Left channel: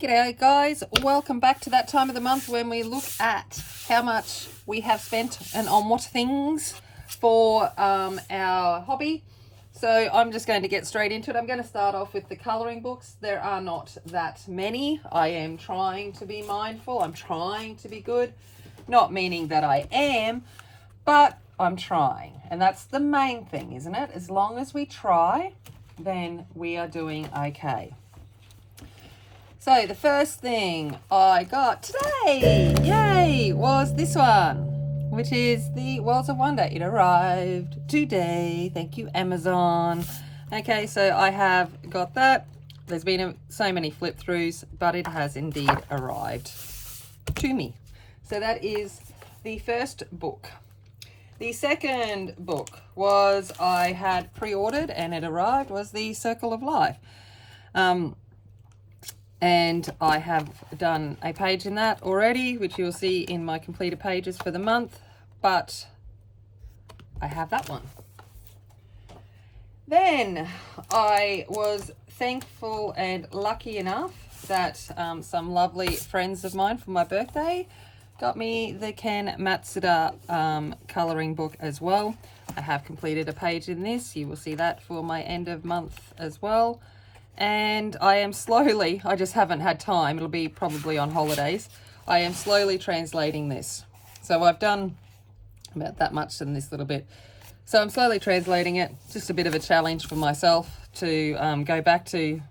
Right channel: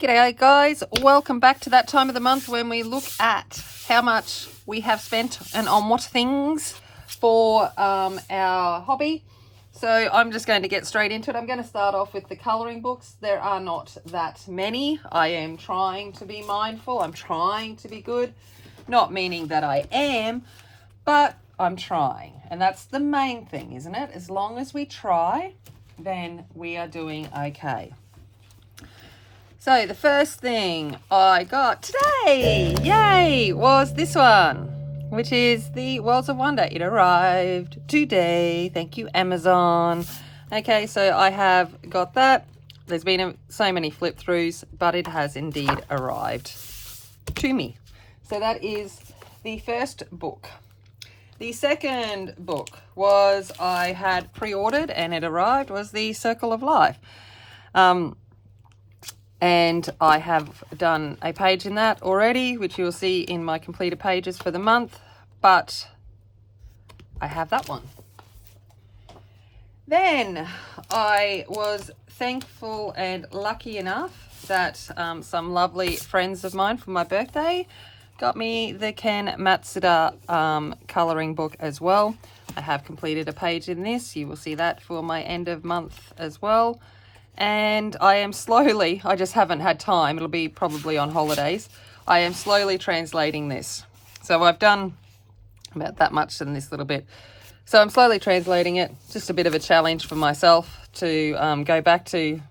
G'day guys, welcome back to that time of the month when we look at how much we have spent and on what things for our hobby. So I'm just going to get straight into it. I'm going to start off with the colouring books. There are not that many. I am trying to be mindful. I'm trying to be good. Not meaning that I am, but I'm trying. And that's the main thing, isn't it? As long as we try, then we are doing okay. So the first thing I got today, yay, was this one, which is the Worlds of Wonder. It arrived today. Thank you, Amazon. Okay, so I have got that. There's been so many flip throughs, but it has indeed arrived to me. So that is the first book. The second book was I had pre-ordered and it arrived, was the Circle of Life. And I have done a page in that already, which you'll see in my completed pages for the month, but I have that one. Then I was thankful and lucky enough that some lovely friends of mine for my birthday got me the Ken Matsuda colouring book as well. I have completed a page in this. You will see that for my end of month as well. And I am slowly, I just haven't had time, it'll be probably on holidays, I am slowly translating this. So I've done about that much in this little bit. So I'm slowly translating it, just a bit of a challenge for myself to go back to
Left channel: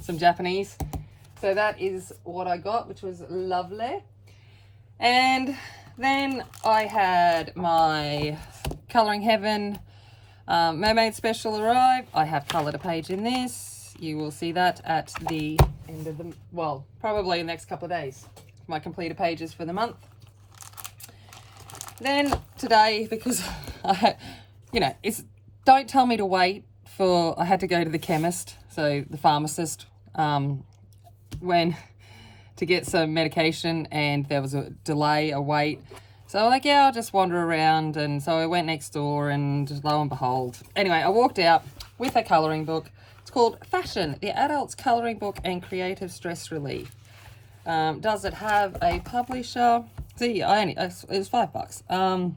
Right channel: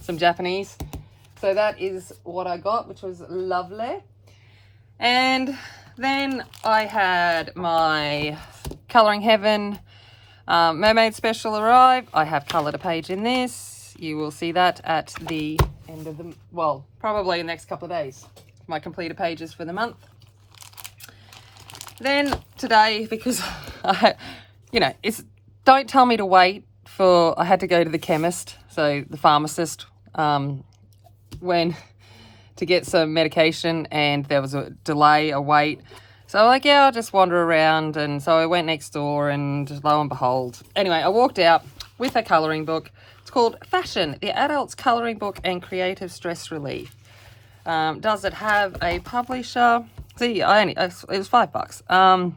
some Japanese. So that is what I got, which was lovely. And then I had my Colouring Heaven Mermaid Special arrive. I have coloured a page in this. You will see that at the end of the, well, probably in the next couple of days, my completed pages for the month. Then today, because don't tell me to wait for, I had to go to the chemist, so the pharmacist, to get some medication, and there was a delay, a wait. So I'm like, yeah, I'll just wander around. And so I went next door and lo and behold. Anyway, I walked out with a colouring book. It's called Fashion, the Adults Colouring Book and Creative Stress Relief. Does it have a publisher? See, it was $5.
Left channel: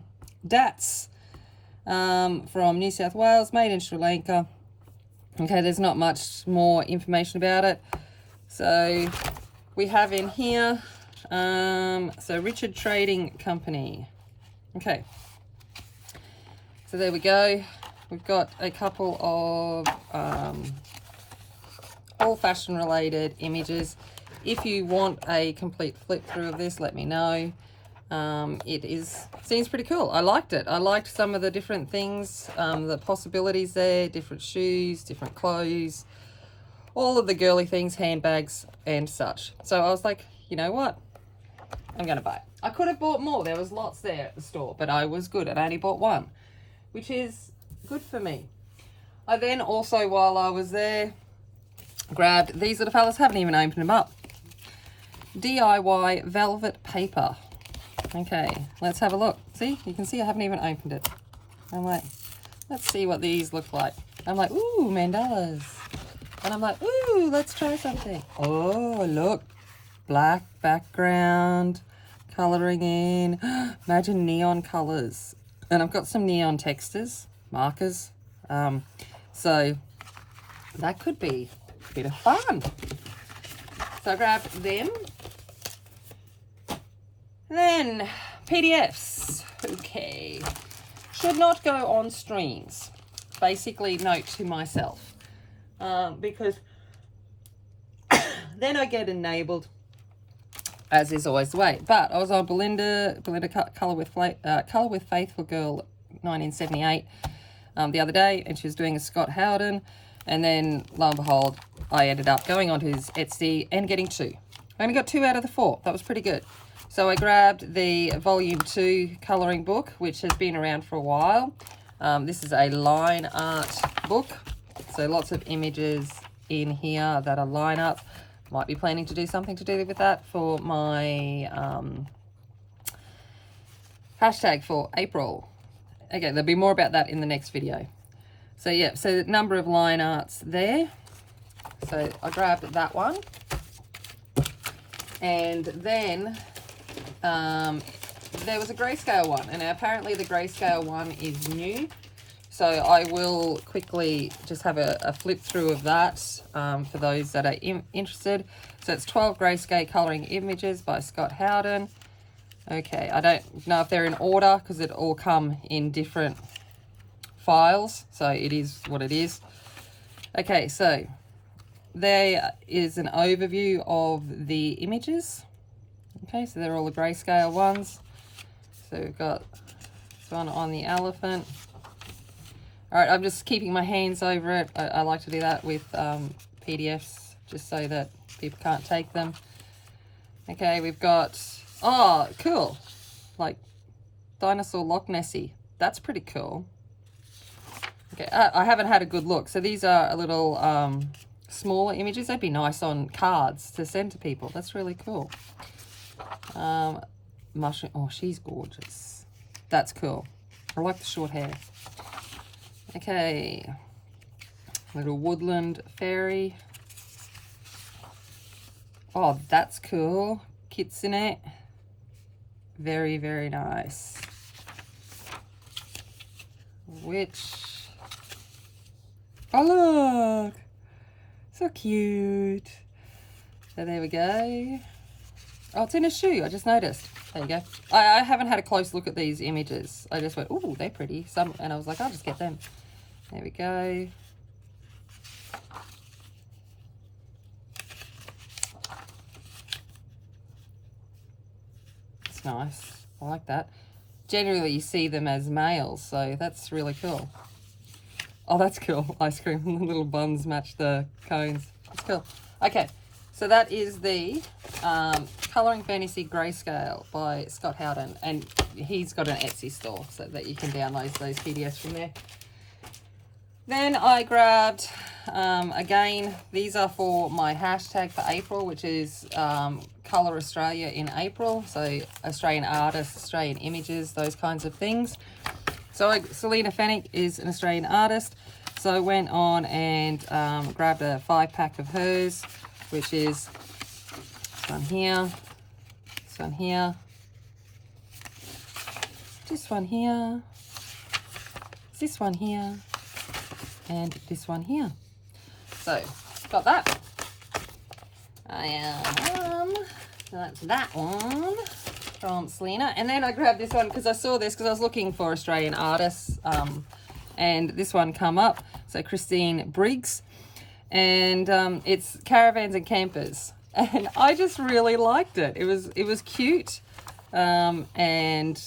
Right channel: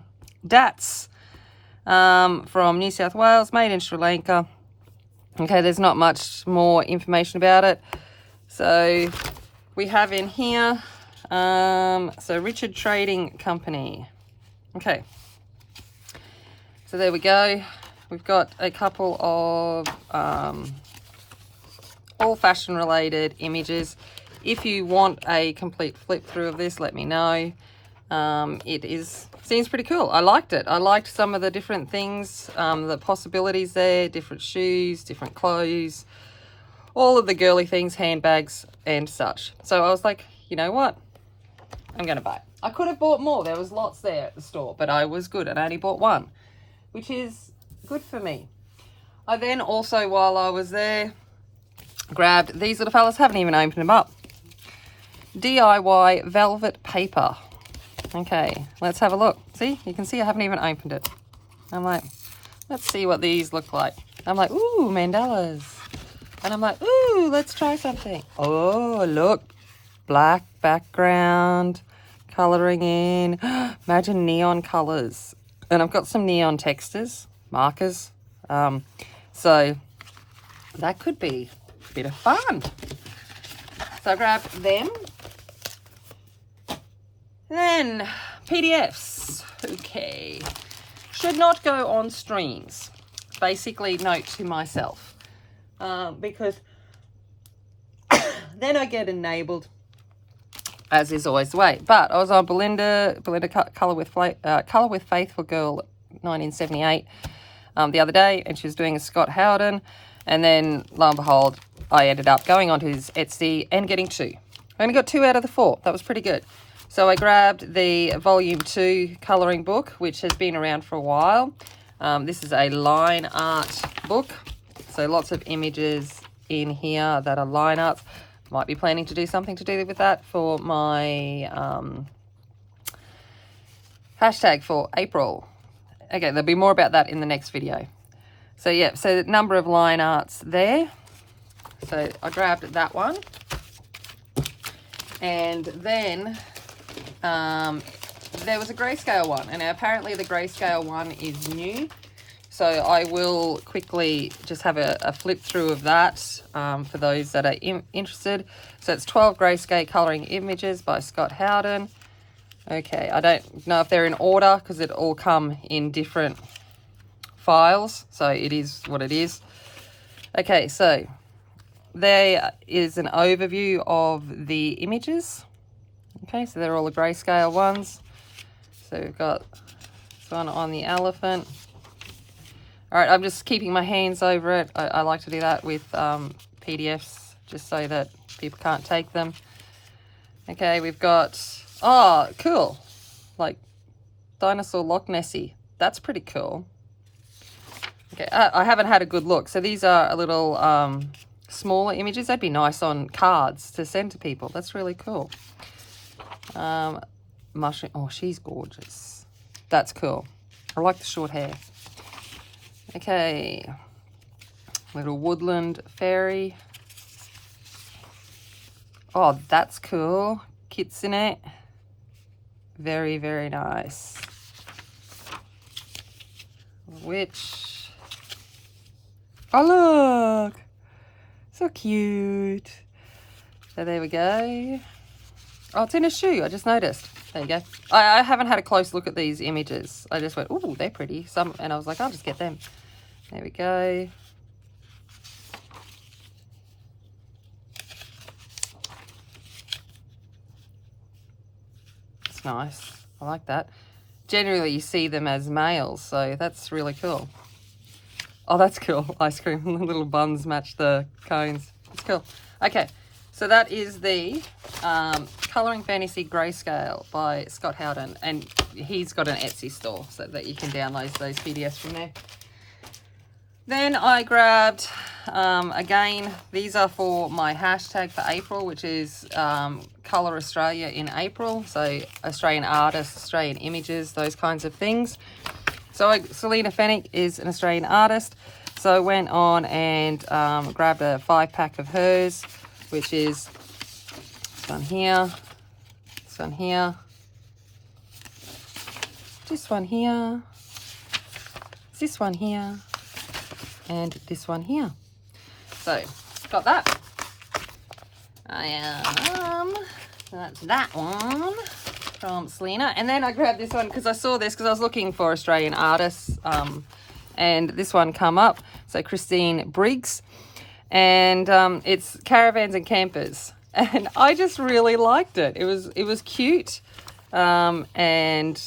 DATS from New South Wales, made in Sri Lanka. Okay, there's not much more information about it. So we have in here, so Richard Trading Company. Okay, so there we go. We've got a couple of all fashion related images. If you want a complete flip through of this, let me know. Seems pretty cool. I liked it. I liked some of the different things, the possibilities there, different shoes, different clothes, all of the girly things, handbags and such. So I was like, you know what? I'm going to buy it. I could have bought more. There was lots there at the store, but I was good. I only bought one, which is good for me. I then also, while I was there, grabbed these little fellas. Haven't even opened them up. DIY velvet paper. Okay, let's have a look. See, you can see I haven't even opened it. I'm like, let's see what these look like. I'm like, ooh, mandalas. And I'm like, ooh, let's try something. Oh, look, black background, colouring in. Imagine neon colours. And I've got some neon textures, markers. So that could be a bit of fun. So I grabbed them. Then PDFs. Okay. Should not go on streams. Basically, note to myself. Because then I get enabled, as is always the way. But I was on Belinda Colour with Faith for Girl 1978 the other day, and she was doing a Scott Howden, and then lo and behold, I ended up going onto his Etsy and getting 2. I only got 2 out of the 4. That was pretty good. So I grabbed the Volume 2 colouring book, which has been around for a while. This is a line art book, so lots of images in here that are line art. Might be planning to do something to do with that for my hashtag for April. Okay, there'll be more about that in the next video. So yeah, so the number of line arts there. So I grabbed that one. And then there was a grayscale one, and apparently the grayscale one is new. So I will quickly just have a flip through of that for those that are interested. So it's 12 grayscale colouring images by Scott Howden. Okay, I don't know if they're in order because it all come in different files. So it is what it is. Okay, so there is an overview of the images. Okay, so they're all the grayscale ones. So we've got this one on the elephant. All right, I'm just keeping my hands over it. I like to do that with PDFs just so that people can't take them. Okay, we've got, oh, cool. Like dinosaur Loch Nessie. That's pretty cool. Okay, I haven't had a good look. So these are a little smaller images. That'd be nice on cards to send to people. That's really cool. Mushroom, oh, she's gorgeous. That's cool. I like the short hair. Okay, little woodland fairy. Oh, that's cool. Kitsune. Very, very nice. Witch. Oh, look. So cute. So there we go. Oh, it's in a shoe. I just noticed. There you go. I haven't had a close look at these images. I just went, oh, they're pretty. And I was like, I'll just get them. There we go. It's nice. I like that. Generally, you see them as males, so that's really cool. Oh, that's cool. Ice cream. The little buns match the cones. It's cool. Okay. So that is the Colouring Fantasy Grayscale by Scott Howden, and he's got an Etsy store so that you can download those PDFs from there. Then I grabbed, again, these are for my hashtag for April, which is Colour Australia in April. So Australian artists, Australian images, those kinds of things. So Selena Fennick is an Australian artist. So I went on and grabbed a 5-pack of hers, which is this one here, this one here, this one here, this one here, and this one here. So got that. That's that one from Selena. And then I grabbed this one because I saw this because I was looking for Australian artists, and this one come up. So Christine Briggs. And it's Caravans and Campers, and I just really liked it. It was cute, and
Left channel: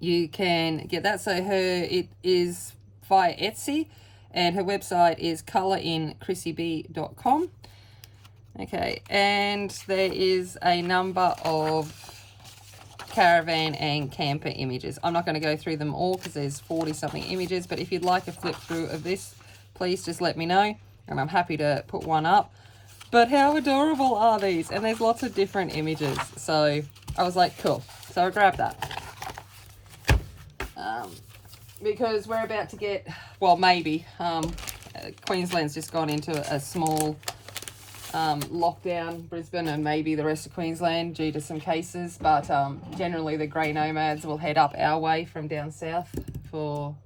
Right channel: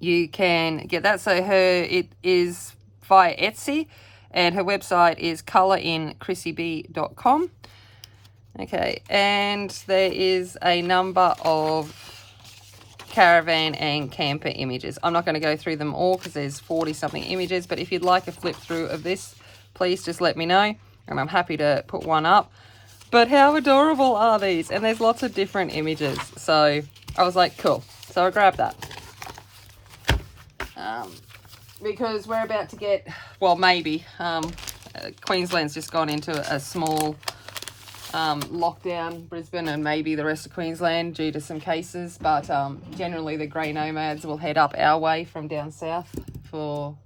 you can get that. So it is via Etsy, and her website is colourinchrissyb.com. Okay, and there is a number of caravan and camper images. I'm not going to go through them all because there's 40 something images, but if you'd like a flip through of this, please just let me know. And I'm happy to put one up. But how adorable are these? And there's lots of different images. So I was like, cool. So I grabbed that. Because we're about to get, well, maybe. Queensland's just gone into a small lockdown, Brisbane and maybe the rest of Queensland due to some cases. But generally the grey nomads will head up our way from down south for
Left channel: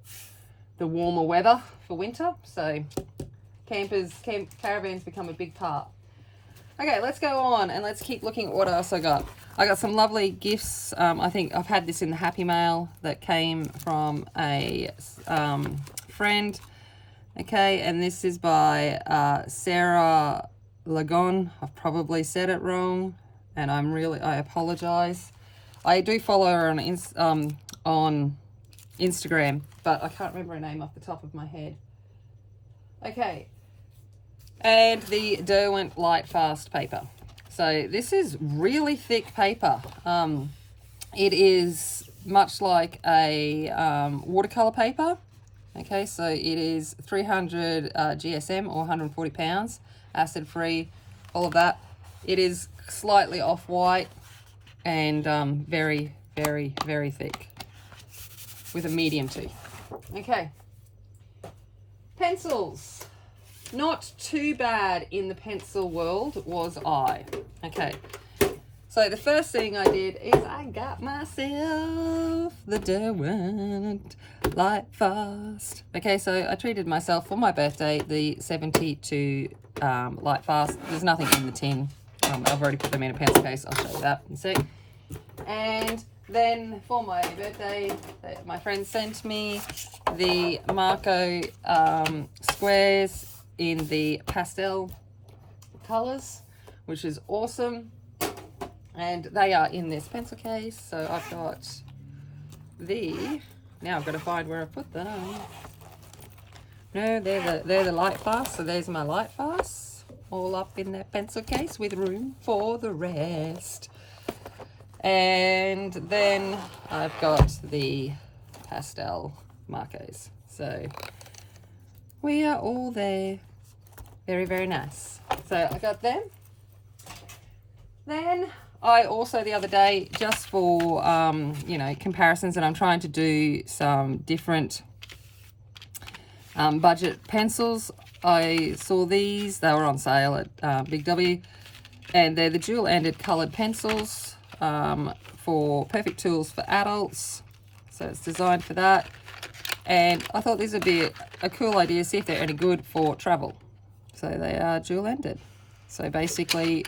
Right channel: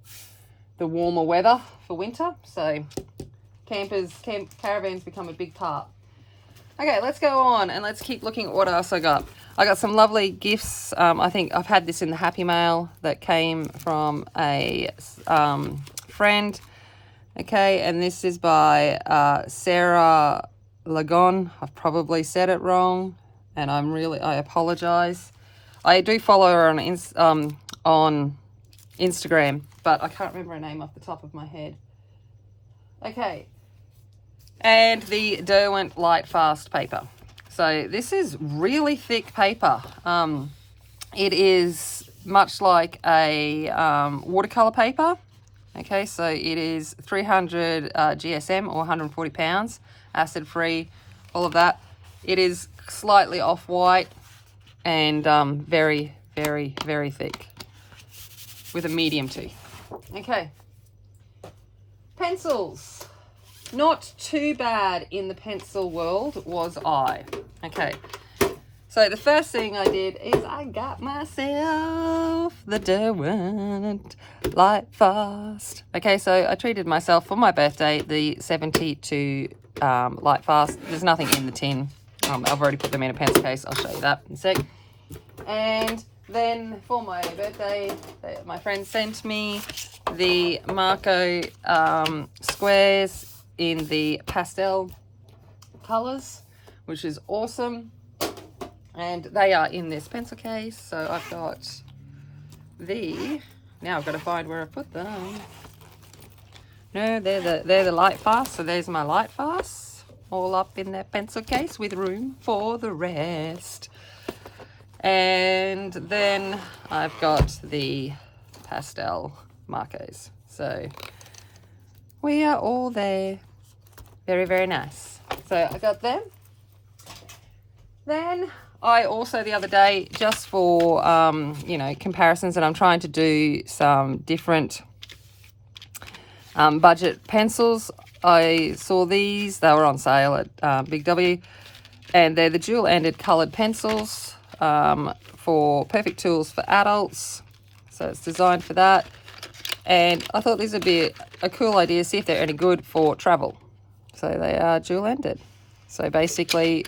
the warmer weather for winter. So caravans become a big part. Okay, let's go on and let's keep looking at what else I got. I got some lovely gifts. I think I've had this in the Happy Mail that came from a friend. Okay, and this is by Sarah Lagon. I've probably said it wrong, and I apologize. I do follow her on Instagram, but I can't remember her name off the top of my head. Okay. And the Derwent Light Fast paper. So this is really thick paper. It is much like a watercolor paper. Okay, so it is 300 GSM or 140 pounds, acid free, all of that. It is slightly off-white and very, very, very thick with a medium tooth. Okay, pencils. not too bad in the pencil world was I. Okay, so the first thing I did is I got myself the Derwent Light Fast. Okay, so I treated myself for my birthday the 72 Light Fast. There's nothing in the tin. I've already put them in a pencil case. I'll show you that in a sec. And then for my birthday, my friend sent me the Marco squares in the pastel colours, which is awesome. And they are in this pencil case. So I've got now I've got to find where I put them. No, they're the Light Fast. So there's my Light Fast, all up in that pencil case with room for the rest. And then I've got the pastel Marcos. So we are all there. Very, very nice. So I got them. Then I also the other day, just for comparisons, and I'm trying to do some different budget pencils. I saw these. They were on sale at Big W, and they're the dual-ended coloured pencils for perfect tools for adults. So it's designed for that. And I thought these would be a cool idea, see if they're any good for travel. So they are dual-ended. So basically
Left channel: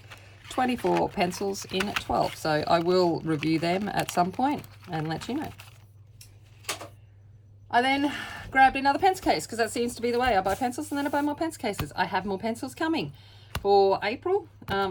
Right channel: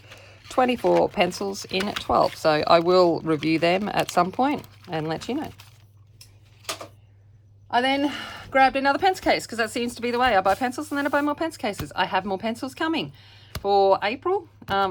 24 pencils in 12. So I will review them at some point and let you know. I then grabbed another pencil case because that seems to be the way. I buy pencils and then I buy more pencil cases. I have more pencils coming for April.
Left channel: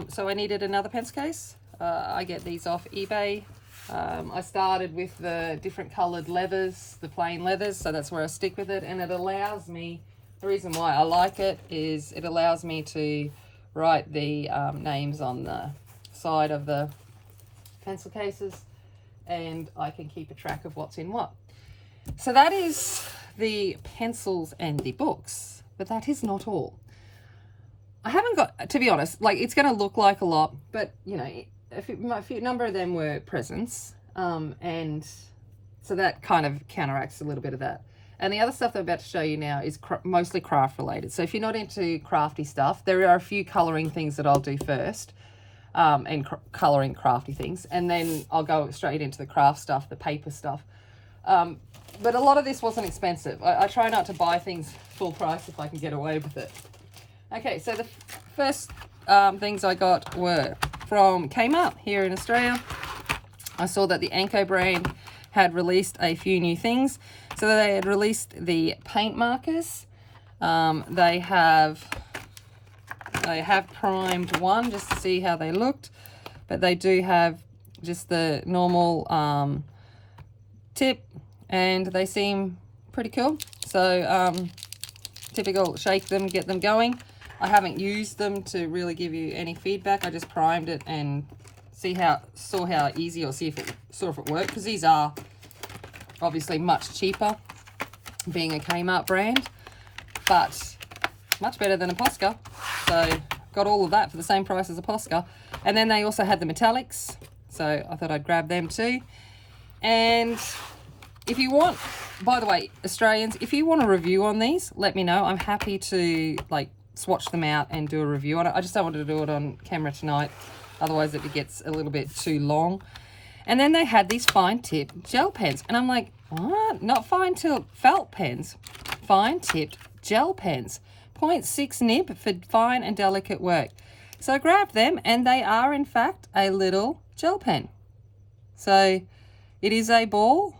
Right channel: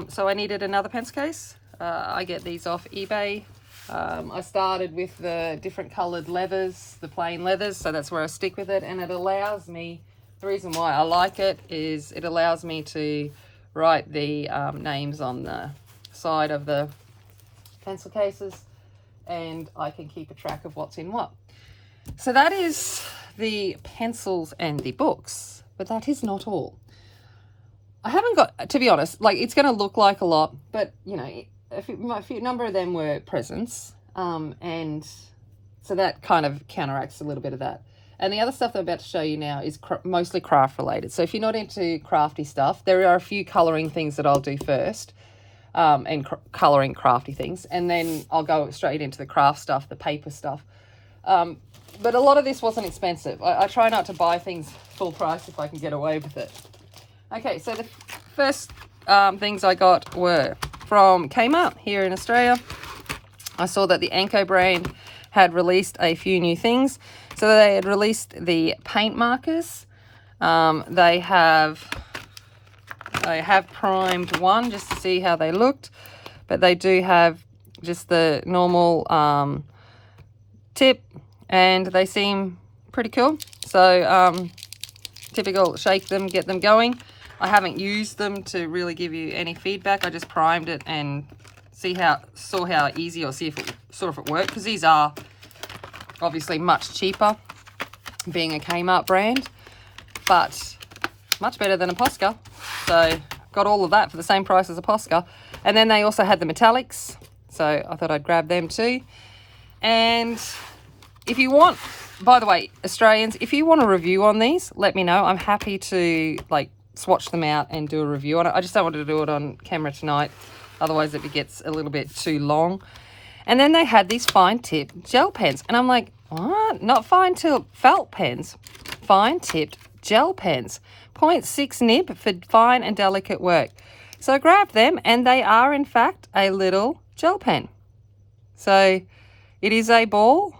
So I needed another pencil case. I get these off eBay. I started with the different coloured leathers, the plain leathers, so that's where I stick with it. And it allows me, the reason why I like it is it allows me to write the names on the side of the pencil cases, and I can keep a track of what's in what. So that is the pencils and the books, but that is not all. I haven't got, to be honest, like it's going to look like a lot, but you know, a few number of them were presents, and so that kind of counteracts a little bit of that. And the other stuff that I'm about to show you now is mostly craft related. So if you're not into crafty stuff, there are a few colouring things that I'll do first, and colouring crafty things, and then I'll go straight into the craft stuff, the paper stuff. But a lot of this wasn't expensive. I try not to buy things full price if I can get away with it. Okay, so the first things I got were from Kmart here in Australia. I saw that the Anko brand had released a few new things. So they had released the paint markers. They have primed one just to see how they looked, but they do have just the normal tip, and they seem pretty cool. So typical, shake them, get them going. I haven't used them to really give you any feedback. I just primed it and saw how easy, or see if it worked, because these are obviously much cheaper, being a Kmart brand, but much better than a Posca. So got all of that for the same price as a Posca. And then they also had the metallics, so I thought I'd grab them too. And if you want, by the way, Australians, if you want a review on these, let me know. I'm happy to swatch them out and do a review on it. I just don't want to do it on camera tonight, otherwise it gets a little bit too long. And then they had these fine tip gel pens, and I'm like, what? Not fine tip felt pens, fine tipped gel pens, 0.6 nib for fine and delicate work. So I grabbed them, and they are in fact a little gel pen. So it is a ball,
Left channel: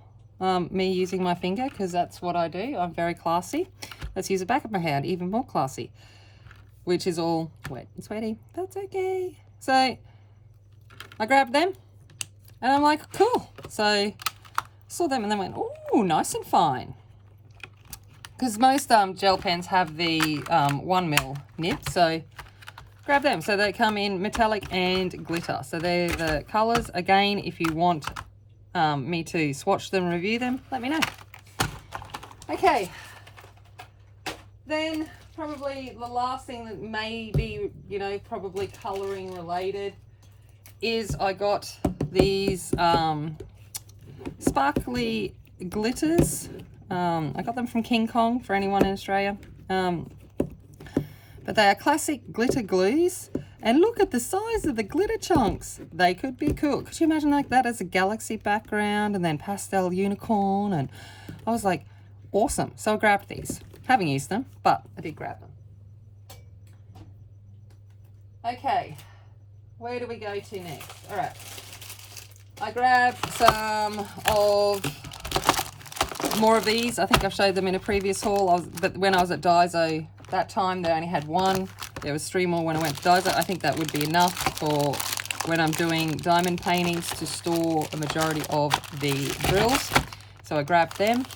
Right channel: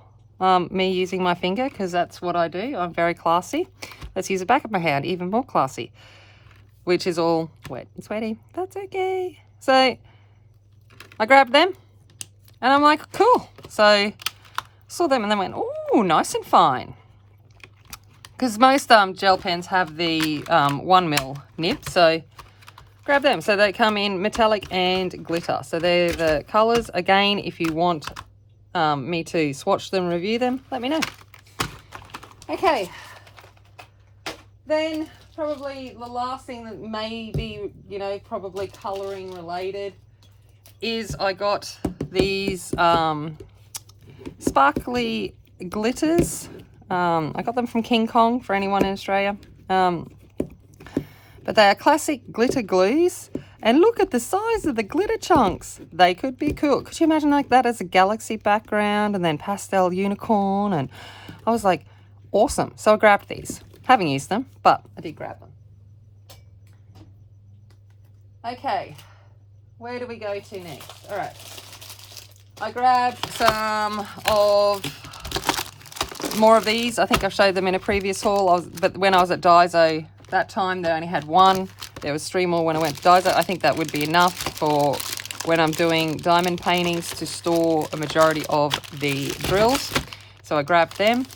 me using my finger because that's what I do. I'm very classy. Let's use the back of my hand, even more classy, which is all wet and sweaty. That's okay. So I grabbed them, and I'm like, cool. So I saw them and then went, oh, nice and fine. Because most gel pens have the 1 mil nib, so grab them. So they come in metallic and glitter. So they're the colours. Again, if you want me to swatch them, review them, let me know. Okay. Then probably the last thing that may be, probably colouring related is I got these sparkly glitters. I got them from King Kong, for anyone in Australia. but they are classic glitter glues. And look at the size of the glitter chunks. They could be cool. Could you imagine like that as a galaxy background and then pastel unicorn? And I was like, awesome. So I grabbed these. Haven't used them, but I did grab them. Okay, where do we go to next? All right, I grabbed some of more of these. I think I've showed them in a previous haul, but when I was at Daiso that time, they only had one. There was 3 more when I went to Daiso. I think that would be enough for when I'm doing diamond paintings to store a majority of the drills. So I grabbed them.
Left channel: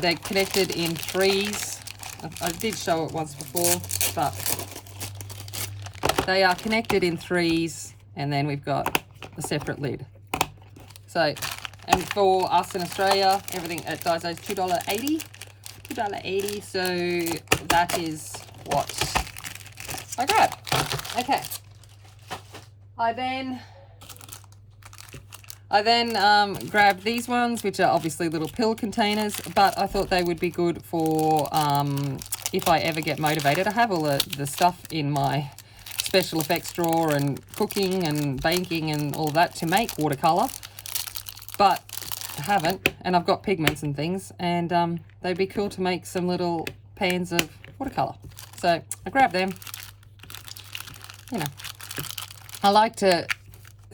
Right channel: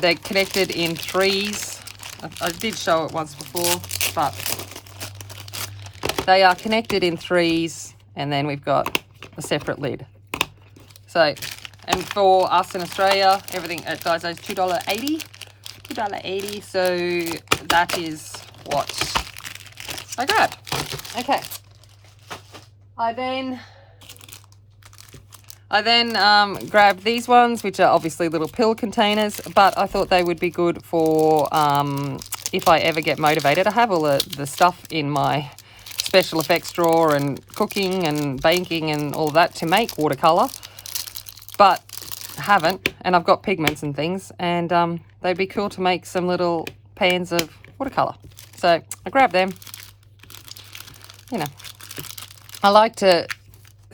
They're connected in 3s. I did show it once before, but they are connected in 3s, and then we've got a separate lid. So, and for us in Australia, everything at Daiso is $2.80. $2.80, so that is what I grabbed. Okay. I then grabbed these ones, which are obviously little pill containers, but I thought they would be good for if I ever get motivated. I have all the stuff in my special effects drawer and cooking and baking and all that to make watercolour, but I haven't, and I've got pigments and things, and they'd be cool to make some little pans of watercolour. So I grabbed them. You know, I like to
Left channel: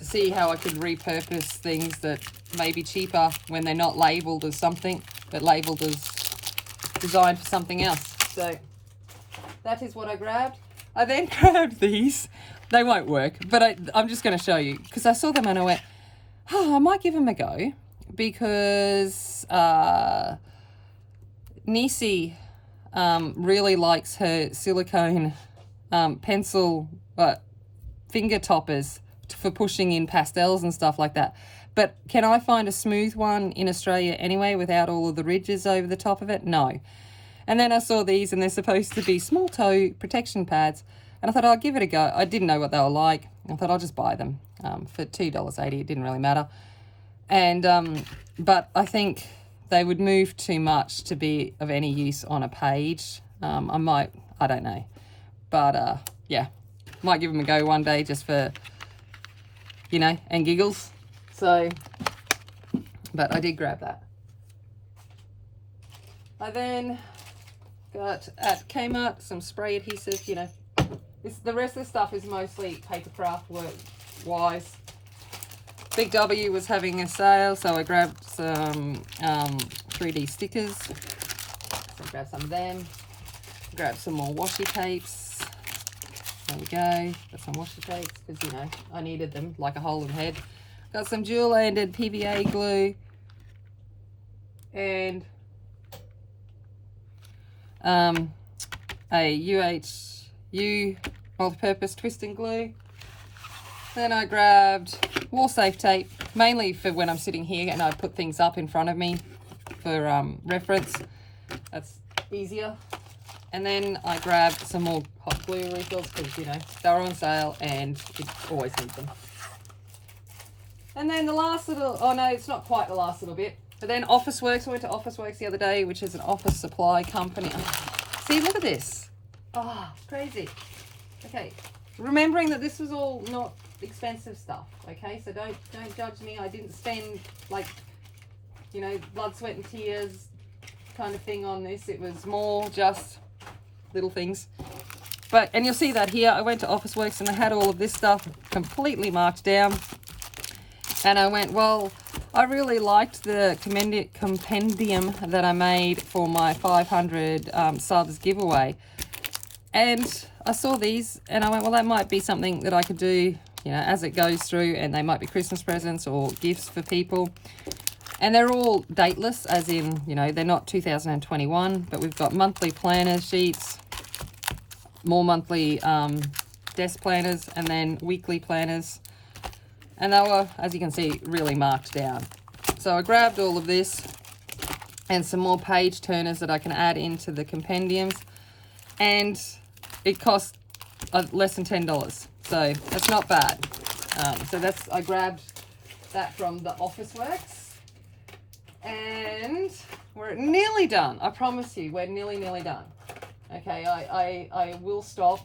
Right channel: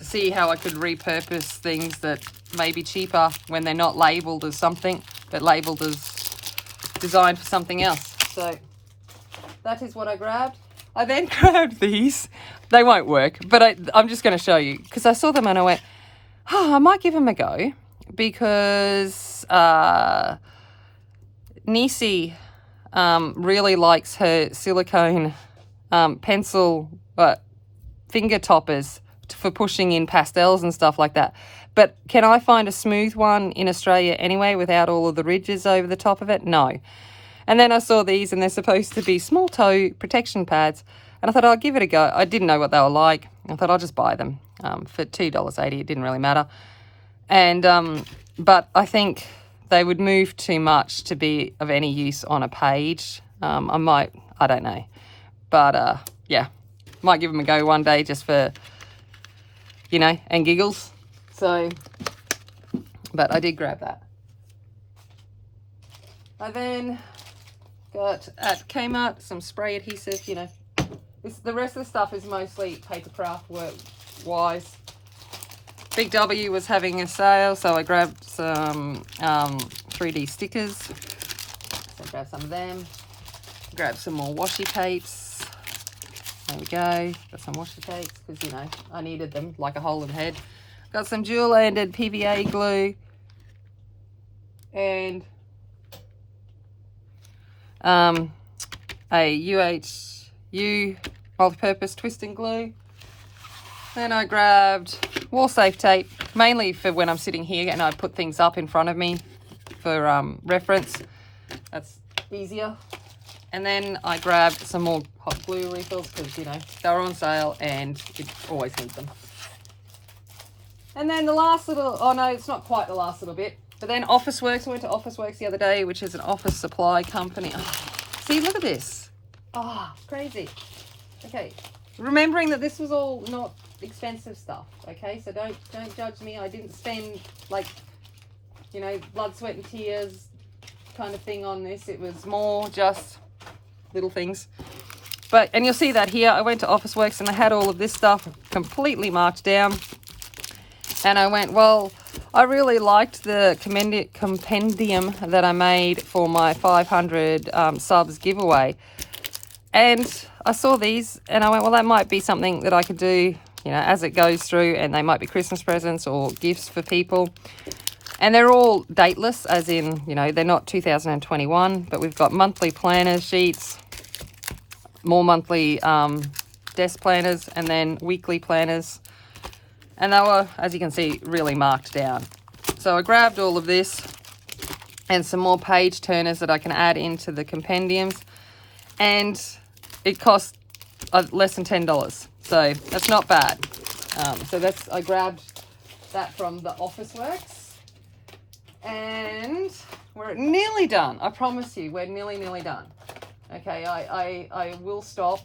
see how I could repurpose things that may be cheaper when they're not labelled as something, but labelled as designed for something else. So that is what I grabbed. I then grabbed these. They won't work, but I'm just going to show you, because I saw them and I went, oh, I might give them a go, because Nisi really likes her silicone pencil finger toppers for pushing in pastels and stuff like that. But can I find a smooth one in Australia anyway without all of the ridges over the top of it? No. And then I saw these, and they're supposed to be small toe protection pads. And I thought, I'll give it a go. I didn't know what they were like. I thought I'll just buy them for $2.80. It didn't really matter. And but I think they would move too much to be of any use on a page. I don't know. But yeah, might give them a go one day just for, you know, and giggles. So, but I did grab that. I then got at Kmart some spray adhesive. You know, the rest of the stuff is mostly paper craft work wise. Big W was having a sale, so I grabbed some 3D stickers. So I grabbed some of them. Grabbed some more washi tapes. There we go. Got some washi tapes because, you know, I needed them like a hole in the head. Got some dual-ended PVA glue. And a UHU multi-purpose twisting glue. Then I grabbed wall safe tape, mainly for when I'm sitting here and I put things up in front of me for reference. That's easier. And then I grabbed some more hot glue refills because, you know, they're on sale and it always needs them. And then the last little, oh no, it's not quite the last little bit, but then Officeworks. I went to Officeworks the other day, which is an office supply company. See, look at this. Oh, crazy. Okay, remembering that this was all not expensive stuff, okay? So don't judge me. I didn't spend, like, you know, blood, sweat and tears kind of thing on this. It was more just little things. But, and you'll see that here, I went to Officeworks and I had all of this stuff completely marked down. And I went, well, I really liked the compendium that I made for my 500 subs giveaway. And I saw these and I went, well, that might be something that I could do, you know, as it goes through, and they might be Christmas presents or gifts for people. And they're all dateless, as in, you know, they're not 2021, but we've got monthly planner sheets, more monthly desk planners, and then weekly planners. And they were, as you can see, really marked down. So I grabbed all of this and some more page turners that I can add into the compendiums. And it cost less than $10. So that's not bad. So that's, I grabbed that from the Officeworks. And we're nearly done. I promise you, we're nearly done. Okay, I will stop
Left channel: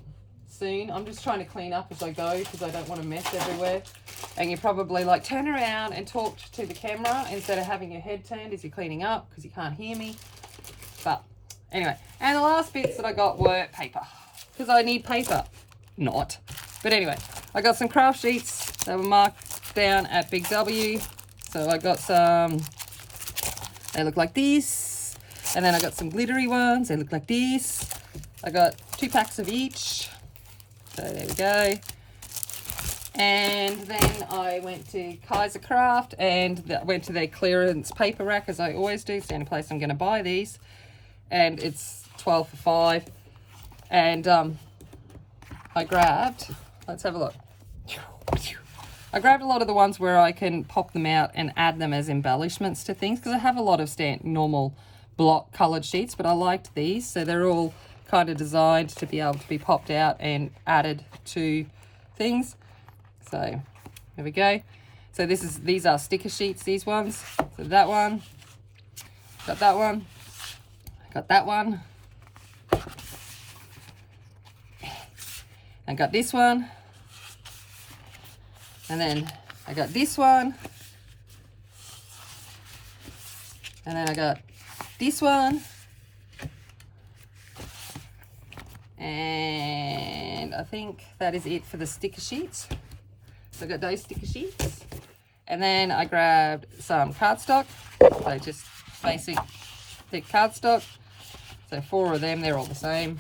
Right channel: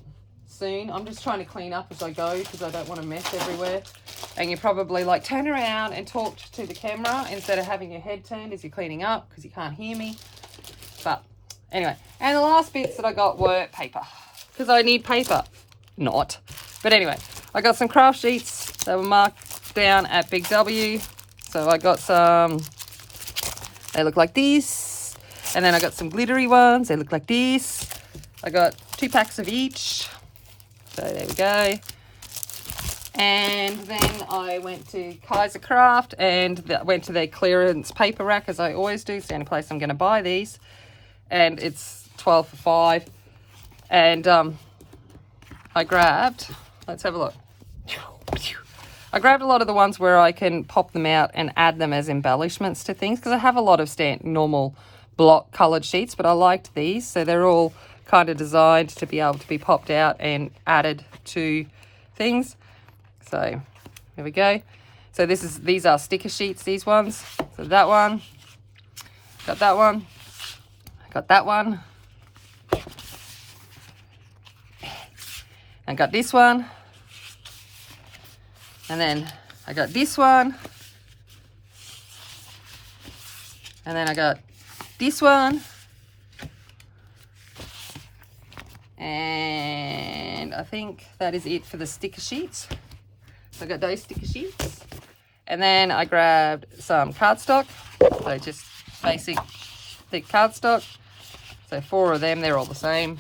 soon. I'm just trying to clean up as I go because I don't want to mess everywhere. And you're probably like, turn around and talk to the camera instead of having your head turned as you're cleaning up because you can't hear me. But anyway, and the last bits that I got were paper because I need paper. Not. But anyway, I got some craft sheets. They were marked down at Big W. So I got some, they look like this. And then I got some glittery ones. They look like this. I got 2 packs of each. So there we go. And then I went to Kaiser Craft and went to their clearance paper rack, as I always do. It's the only place I'm going to buy these. And it's 12 for 5. And I grabbed, let's have a look. I grabbed a lot of the ones where I can pop them out and add them as embellishments to things because I have a lot of normal block coloured sheets, but I liked these. So they're all kind of designed to be able to be popped out and added to things. So here we go. So these are sticker sheets, these ones. So that one, got that one, got that one. I got this one. And then I got this one. And then I got this one. And I think that is it for the sticker sheets. So I got those sticker sheets. And then I grabbed some cardstock. So just basic thick cardstock. So 4 of them, they're all the same.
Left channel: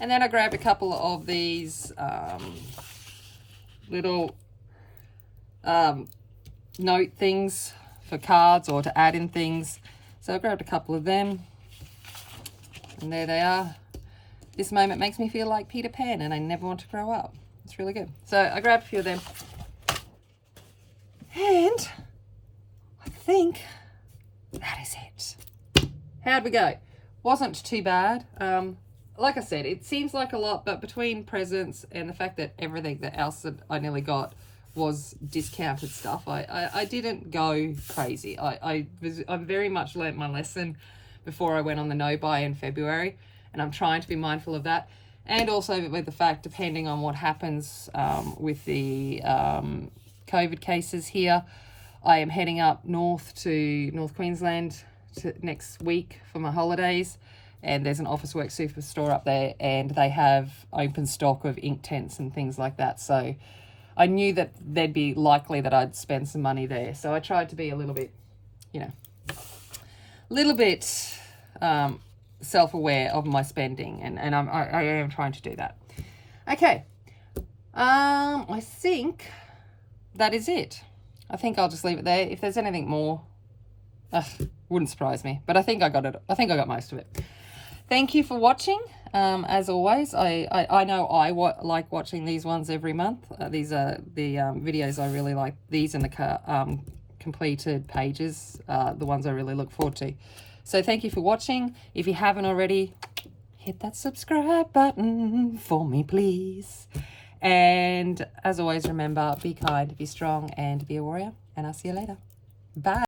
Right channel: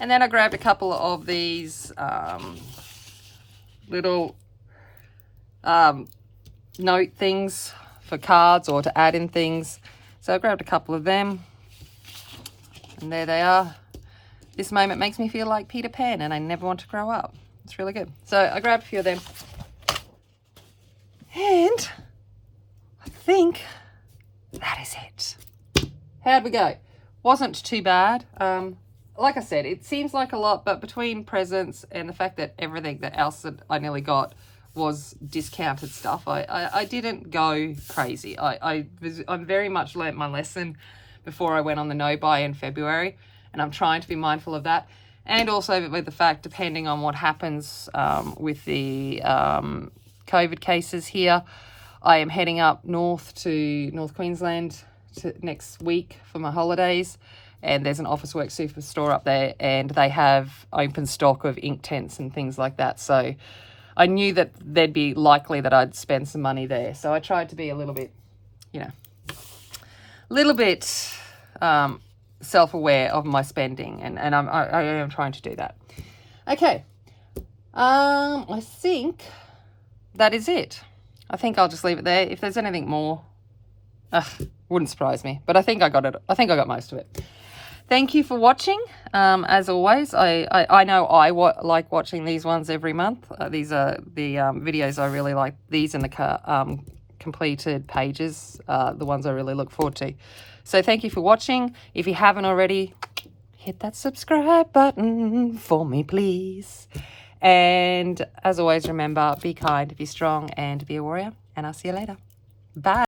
And then I grabbed a couple of these little note things for cards or to add in things. So I grabbed a couple of them. And there they are. This moment makes me feel like Peter Pan and I never want to grow up. It's really good. So I grabbed a few of them. And I think that is it. How'd we go? Wasn't too bad. Like I said, it seems like a lot, but between presents and the fact that everything that else that I nearly got was discounted stuff, I didn't go crazy. I very much learnt my lesson before I went on the no-buy in February, and I'm trying to be mindful of that. And also with the fact, depending on what happens with the COVID cases here, I am heading up north to North Queensland next week for my holidays. And there's an Officeworks superstore up there and they have open stock of ink tents and things like that. So I knew that there'd be likely that I'd spend some money there. So I tried to be a little bit, self-aware of my spending. And I am trying to do that. Okay. I think that is it. I think I'll just leave it there. If there's anything more, wouldn't surprise me. But I think I got it. I think I got most of it. Thank you for watching. As always, I know I like watching these ones every month. These are the videos I really like. These and the completed pages, the ones I really look forward to. So thank you for watching. If you haven't already, hit that subscribe button for me, please. And as always, remember, be kind, be strong, and be a warrior. And I'll see you later. Bye.